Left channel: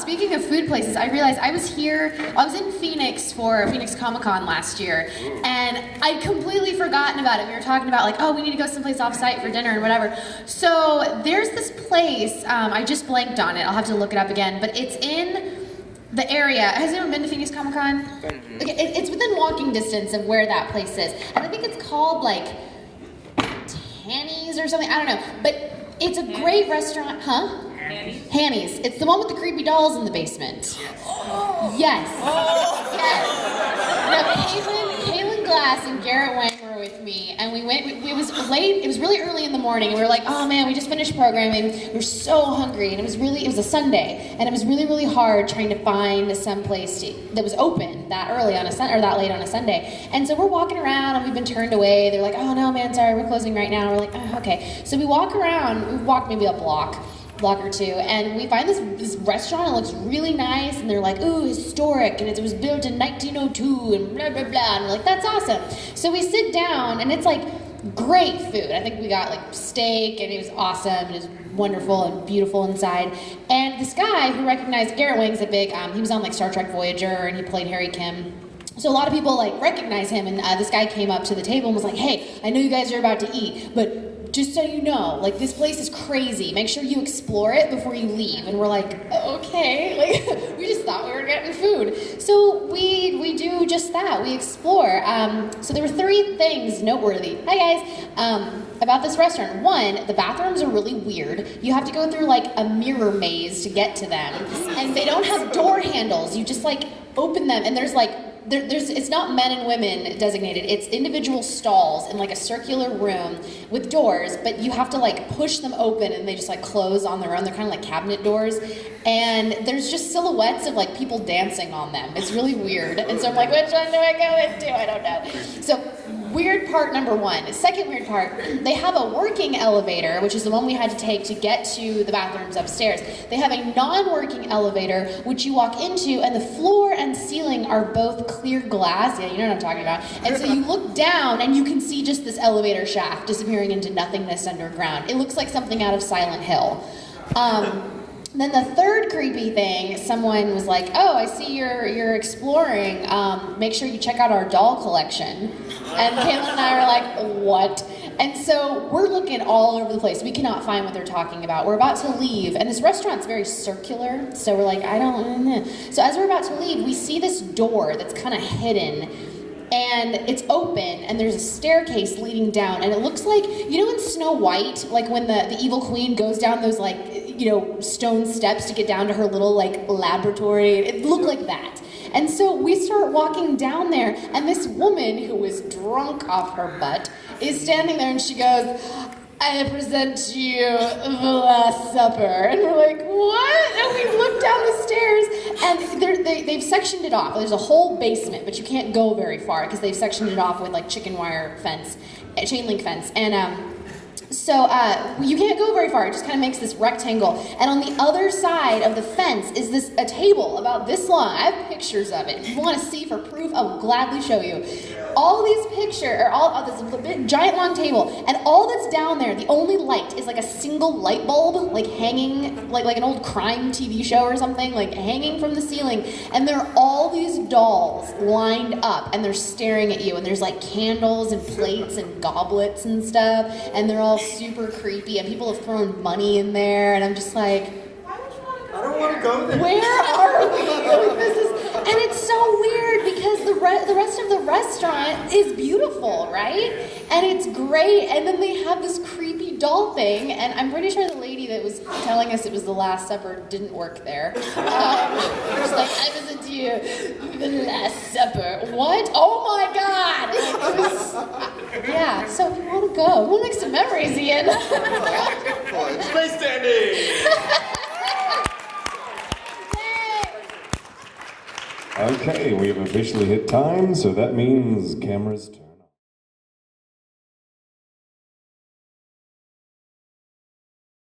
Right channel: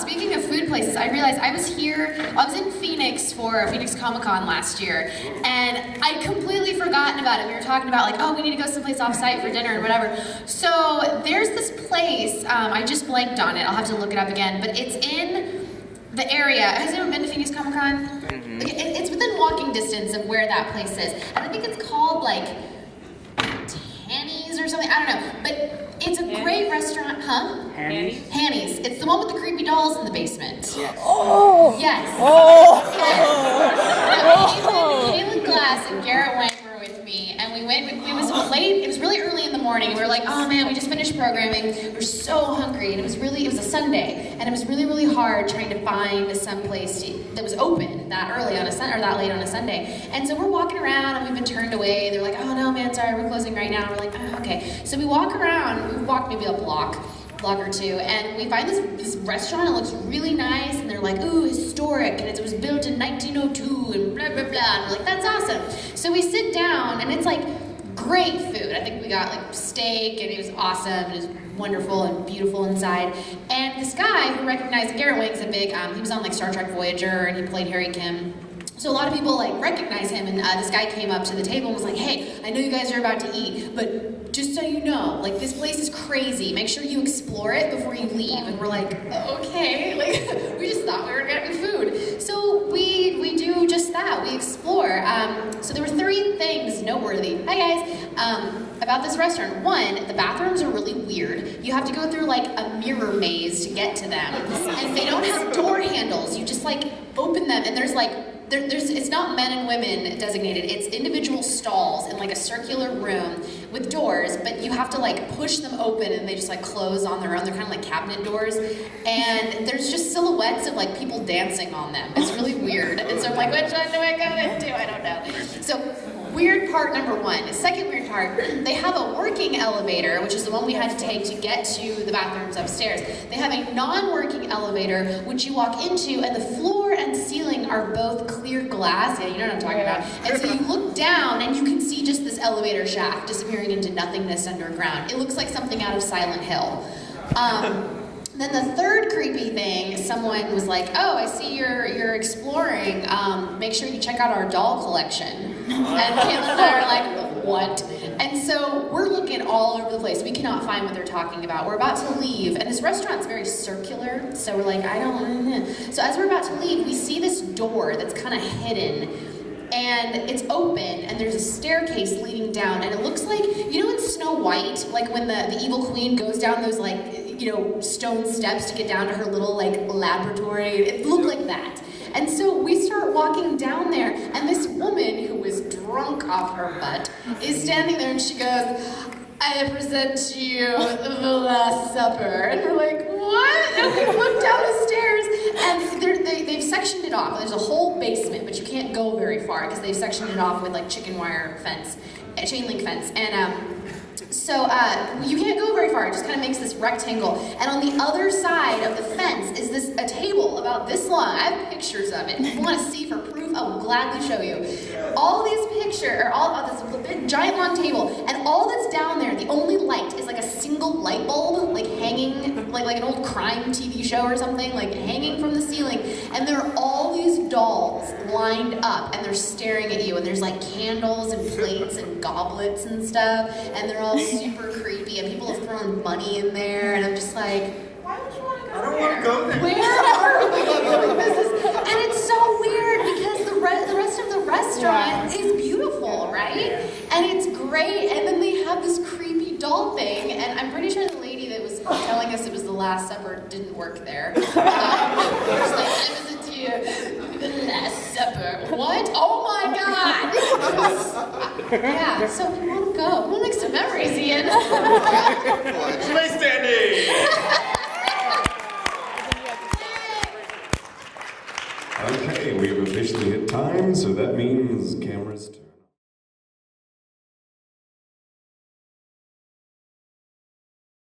speaking of food places, I realized I was in Phoenix for Phoenix Comic-Con last year, and I'd completely forgotten about it. We were talking about like, oh, we need to go someplace off-site for dinner and whatever. So there's this place, I just blanked on it, I'll have to look it up again, but it's in the area. Has anyone been to Phoenix Comic-Con? Mm-hmm. It's within walking distance of where that place is, and I think it's called like Hanny's or something, I don't know, but it's a great restaurant, huh? Hanny's? Hanny's. It's the one with the creepy dolls in the basement. Yes. Oh! Yes. Oh! Yes. Caitlin Glass and Garrett Wang were with me, and we went, it was late, it was really early in the morning, and we were like, oh man, we just finished programming, we were so hungry, and it was a Sunday, and it was really, really hard trying to find some place that was open that early on that late on a Sunday. And so we're walking around, and we've been turned away. They're like, oh no, man, sorry, we're closing right now. And we're like, oh, okay. So we walk around, we walk maybe a block or two, and we find this restaurant. It looks really nice, and they're like, ooh, historic, and it was built in 1902, and blah, blah, blah. And we're like, that's awesome. So we sit down, and it's like great food. I think we got like steak, and it was awesome, and it was wonderful and beautiful inside. And this guy who recognized, Garrett Wang's a big, he was on like Star Trek Voyager, and he played Harry Kim. So a lot of people like recognize him, and this guy came up to the table and was like, hey, I know you guys are about to eat, but just so you know, like this place is crazy. Make sure you explore it before you leave. And we're like, okay, like we just thought we were getting food. So we do just that, we explore. So there were 3 things noteworthy, hi guys, about this restaurant. 1, the bathrooms are really weird. You have to go through like a mirror maze to get to them. And they don't have door handles. You just like open them, and there's like, it's not men and women designated, it's individual stalls in like a circular room with doors, but you have to like push them open and they just like close on their own. They're kind of like cabinet doors, and there's just silhouettes of like people dancing on them. It's really weird, and so I'm like, which one do I go into? I don't know. So weird part number 1. Second weird part, they have a working elevator, which is the one we had to take to get to the bathrooms upstairs. They have a non-working elevator, which you walk into, and the floor and ceiling are both clear glass. Yeah, you know what I'm talking about. And so you look down, and you can see just this elevator shaft disappearing into nothingness underground. It looks like something out of Silent Hill. Then the third creepy thing, someone was like, oh, I see you're exploring. Make sure you check out our doll collection. And Caitlin and I are like, what? And so we're looking all over the place. We cannot find what they're talking about. We're about to leave, and this restaurant's very circular, so we're like, I don't know. So as we're about to leave, we see this door that's kind of hidden, and it's open, and there's a staircase leading down, and it looks like, you know in Snow White, like when the evil queen goes down those like, you know, stone steps to get down to her little like laboratory? It looked like that. And so we start walking down there, and this woman who was drunk off her butt is standing there, and she goes, I present to you the Last Supper. And we're like, what? And we look down the stairs, and they've sectioned it off. There's a whole basement, but you can't go very far because they've sectioned it off with like chicken wire fence, chain link fence. And so you can't go very far. It just kind of makes this rectangle. And on the other side of the fence is a table about this long. I have pictures of it. If you want to see for proof, I will gladly show you. All these pictures are all on this big, giant long table, and all that's down there, the only light is like a single light bulb, like hanging, like an old crime TV show or something, like hanging from the ceiling. And there are all these dolls lined up, and they're staring at you, and there's like candles and plates and goblets and stuff, and they're all super creepy, and people have thrown money in there, and I'm just like, why would you want to go I don't want to go there. Where are we? And it's so weird because the rest of the restaurant is beautiful, right? And it's great, and then they have this creepy doll thing, and I'm pretty sure the lady that was telling us it was the Last Supper didn't work there. She was like, I was a dear, the Last Supper. What? Oh my God! Yeah, so we want to go. We'll make some memories, Ian. Stay standing! Okay, we've officially hit time, so that means cameras turn.